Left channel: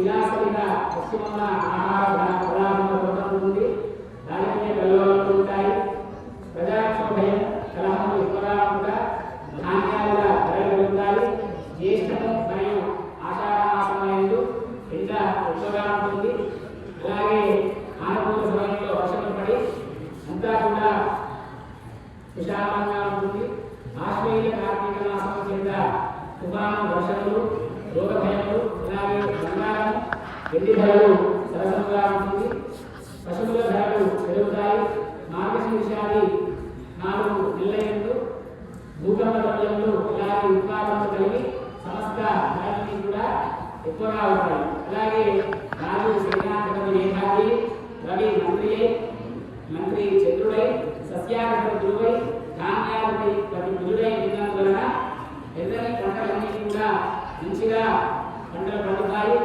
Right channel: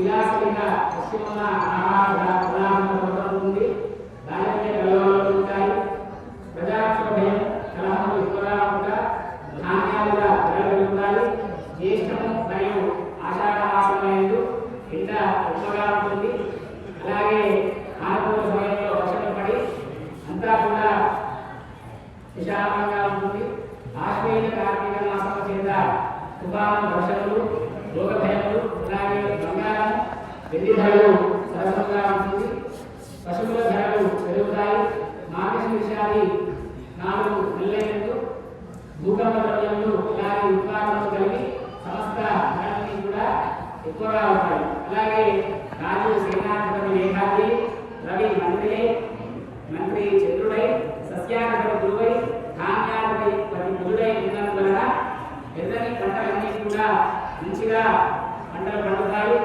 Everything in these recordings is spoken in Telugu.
విలాసమైన ముఖ్యమైన ఆహార పదార్థాల నుండి సరసంగా ఉంటుంది. పశువుల ధరలు పెరుగుతాయి. మార్కెట్ విషయాన్ని నాలుగు నెలలైనట్టు భూగర్భ ద్రవ్యంలో ఇలాంటి ఉత్పాదనలు కలిగి సమస్త కూడా ఎక్కువగా ఉంటాయి. అలాగే రాజు సేనాధిపతి మేధావి రవి మంత్రియై మంత్రి చంద్రుడై సస్యాధిపతి గురువై ధాన్యాధిపతి గురుడై ఉన్నందువలన ఎన్నని పంటలన్నీ కూడా మంచిగా పంటలు పండుతాయి.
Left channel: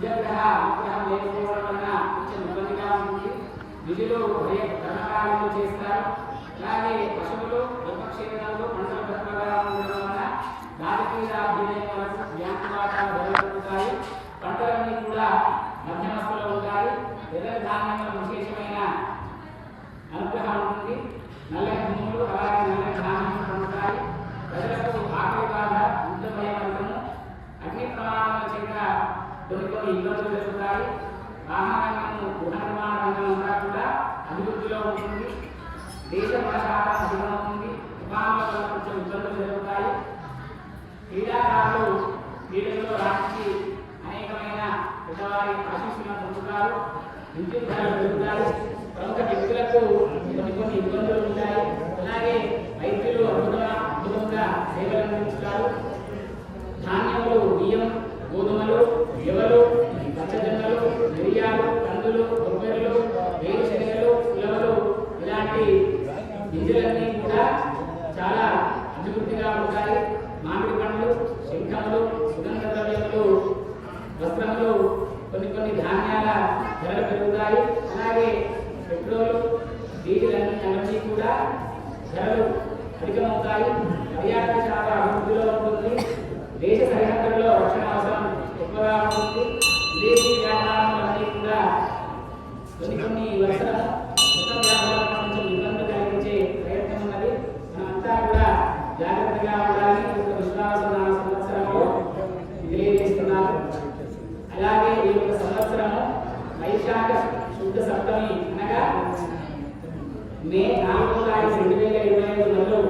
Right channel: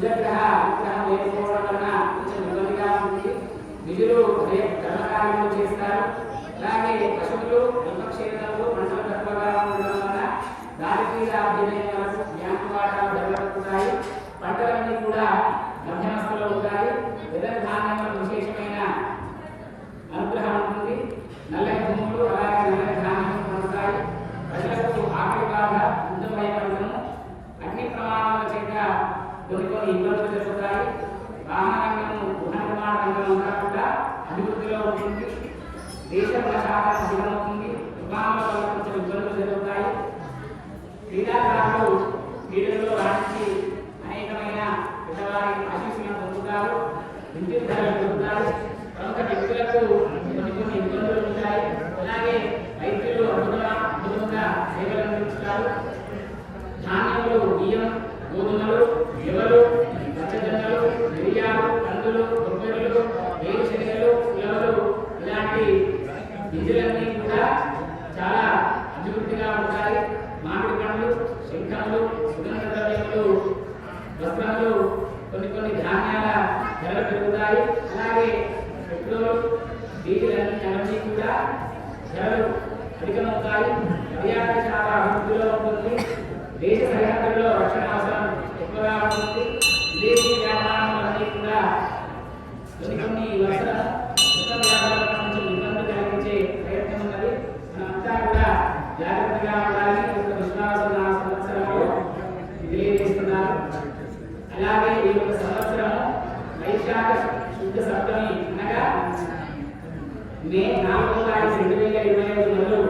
కుజగ్రహ విగ్రహం చేస్తారు అలాగే పశువులు బ్రహ్మక్షేత్రములు మండల తత్వంగా మహారంగం గృహ నిర్మాణ రంగంగా కూడా అభివృద్ధిలో ఉంటుంది దేశ కొంచెం ఇబ్బందులు జరుగుతాయి క్రీడాకారులు క్రీడల్లో రాణించి అనేకమైన పిల్లవారికి ఆశించిన పొందుతారు విద్యుత్ ధర శంఖములు సుగంధ ద్రవ్యములు వస్త్రములు కొన్ని కొన్ని ధాన్యాల ధరలు పెరుగుతాయి. అలాగే పెట్రోల్ డీజిల్ అన్ని కూడా ధరలు అధికమవుతాయి. పర్యాటక చాలా అభివృద్ధిలో ఉంటుంది. దేశ సరిహద్దుల్లో రక్షణ శుద్ధ సప్తమి అనగా మే నాలుగో తారీఖు రెండు వేల ఇరవై ఐదు నెలలు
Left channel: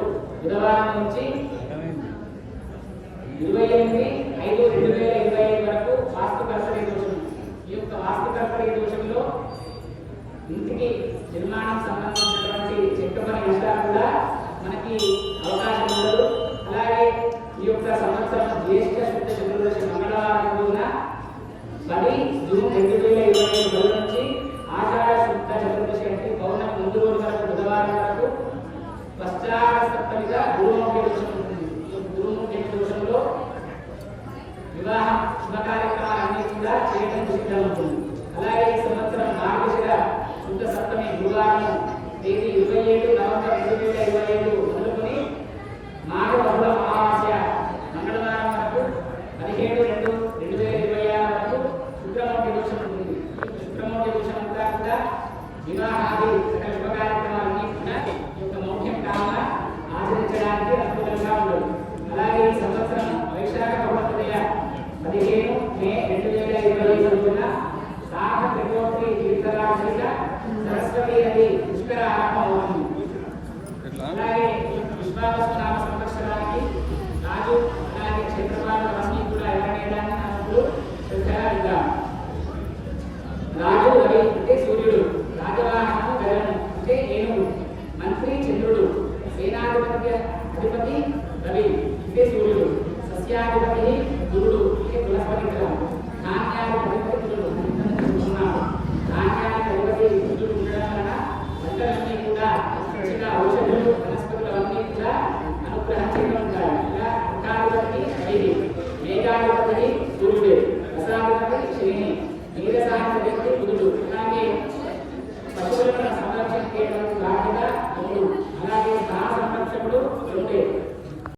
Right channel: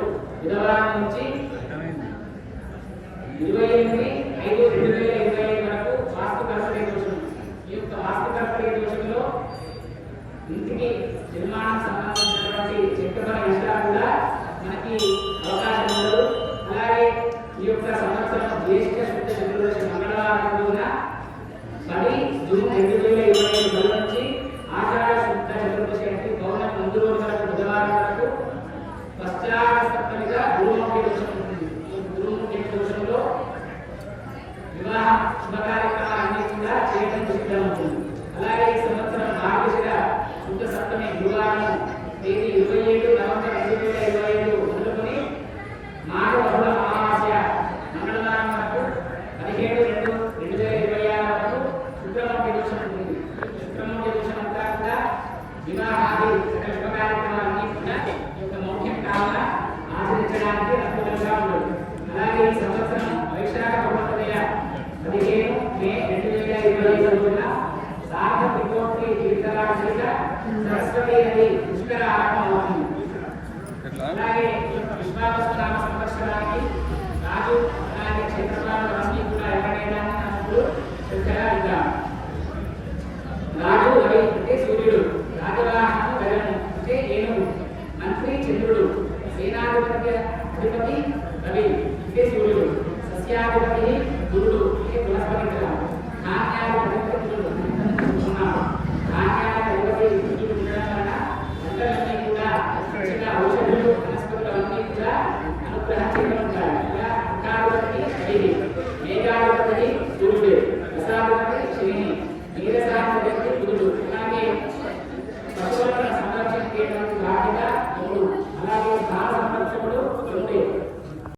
బుధవారం నుంచి ఇరవై ఎనిమిది Tiago, eu